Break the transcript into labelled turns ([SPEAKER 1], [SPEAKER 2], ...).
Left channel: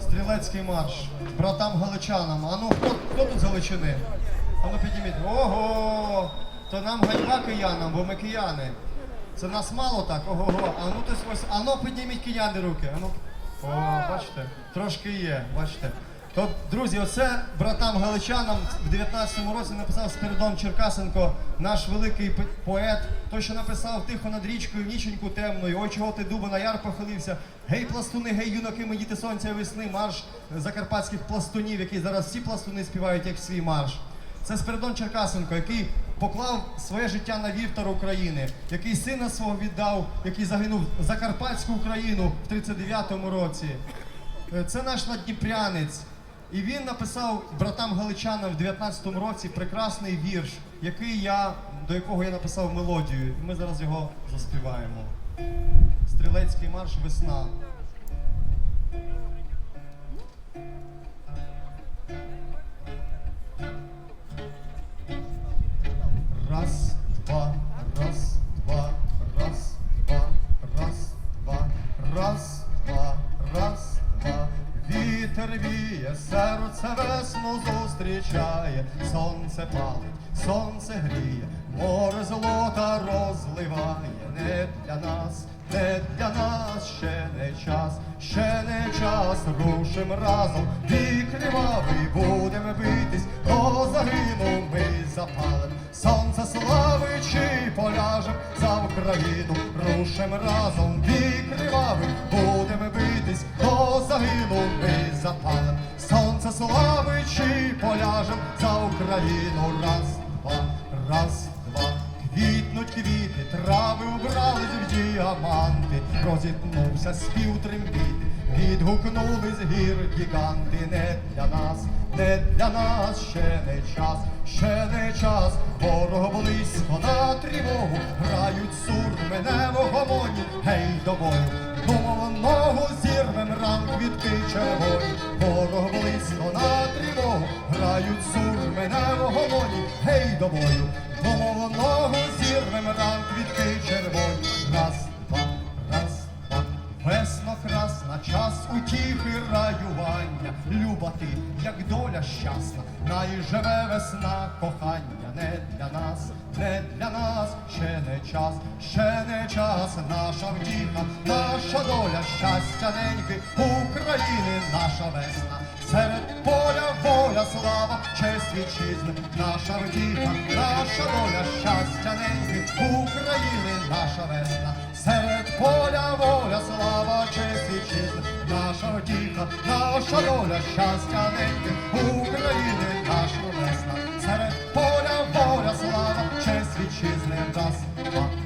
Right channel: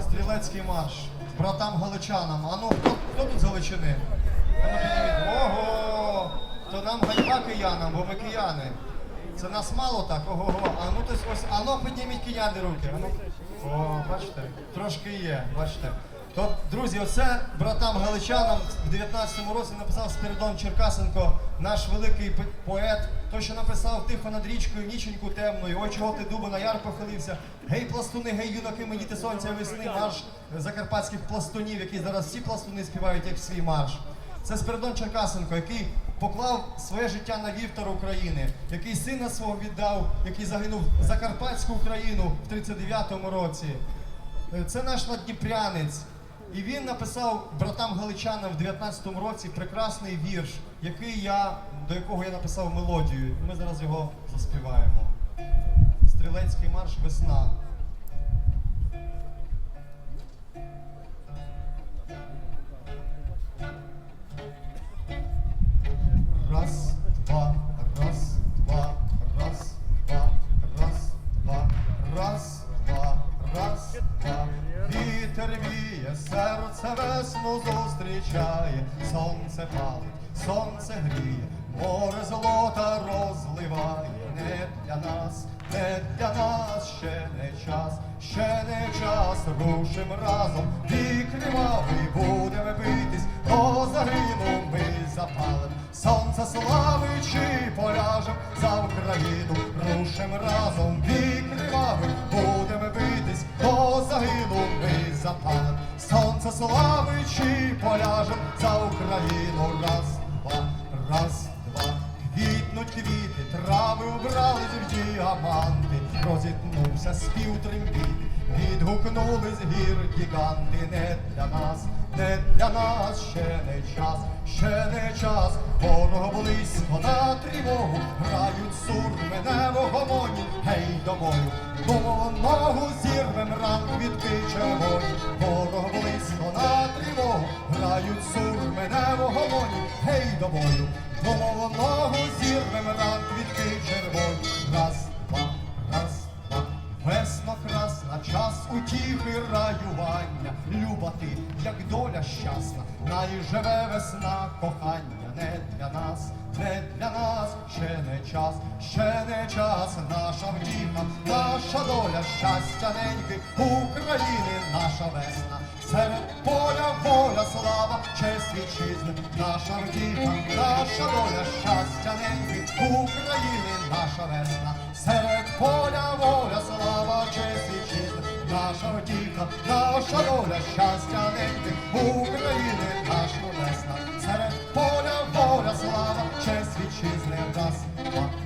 [SPEAKER 1] Стрілецький марш. Братам Галичанам. А ну хто, хто тут з Галичини? А ну підніміть. Ого! То нам ганьба киянам, бо ми кияни. Це нас мало так, ого-го. А ну то ось, а ну підніміть кияни руки. А ну. О, бачите? Трошки є, бачите. То, друзі, оце братам галичанам в 19-му році написав Спиридон Черкасенко, наш великий поет, той, що написав тихо над річкою, ніченьку темною, ой, чого ти дуба на яр похилився. Гей, пластуни, гей, юнаки, ми діти сонця весни, марш закарпатських пластунів, які зараз всі пластуни співають як свій марш. Це Спиридон Черкасенко, який поклав своє життя на вівтар України, який сина свого віддав, який загинув за Карпатську Україну в 39-му році. Е, Це наш надніпрянець. І він написав братам галичанам в 19-му році прекрасний вірш, який я, до якого я написав мелодію. Ми зараз його заспіваємо. Стрілецький марш весна. Раз, два, раз, два, раз, два, раз, два, раз, два, раз, два. Вітер віє, серце весну зустрічає, сонце палить, сонце гріє, море золота розливає, не для нас, не для нас ще не час, ще не час, рушим разом, вік кривавий, будемо битись, до загину ми запалим, сонце славичи поляжем за Україну, рушим разом, вік кривавий, будемо битись, до загину сонце славичи поляжем за Україну, раз, два, раз, два. Квітнуть квіти, трави убрались в діаманти, розітнувся спів трембіт, відгукнулись гір гіганти, не для нас, не для нас ще не час, ще не час, ворог близько на тривогу, грають сурми не в гомоні, гей до бою, Думав, ногу зірвем ранг квітки червоні, ворог близько на тривогу, грають сурми не в гомоні, гей до бою, Думав, ногу зірвем ранг квітки червоні, раз, два, раз, два. Весно красна, час утіхи раювання, люба ти, як доля щасна, най живе весна кохання, не для нас, не для нас, ще не час, ще не час, наша втіха, наша доля, щастя неньки, України, наша весна. Серед поля воля, слава, честь вітчизни, наша втіха, наша доля, щастя неньки, України, наша весна. Серед поля воля, слава, честь вітчизни, наша втіха, наша доля, щастя неньки, України, наша весна. Island of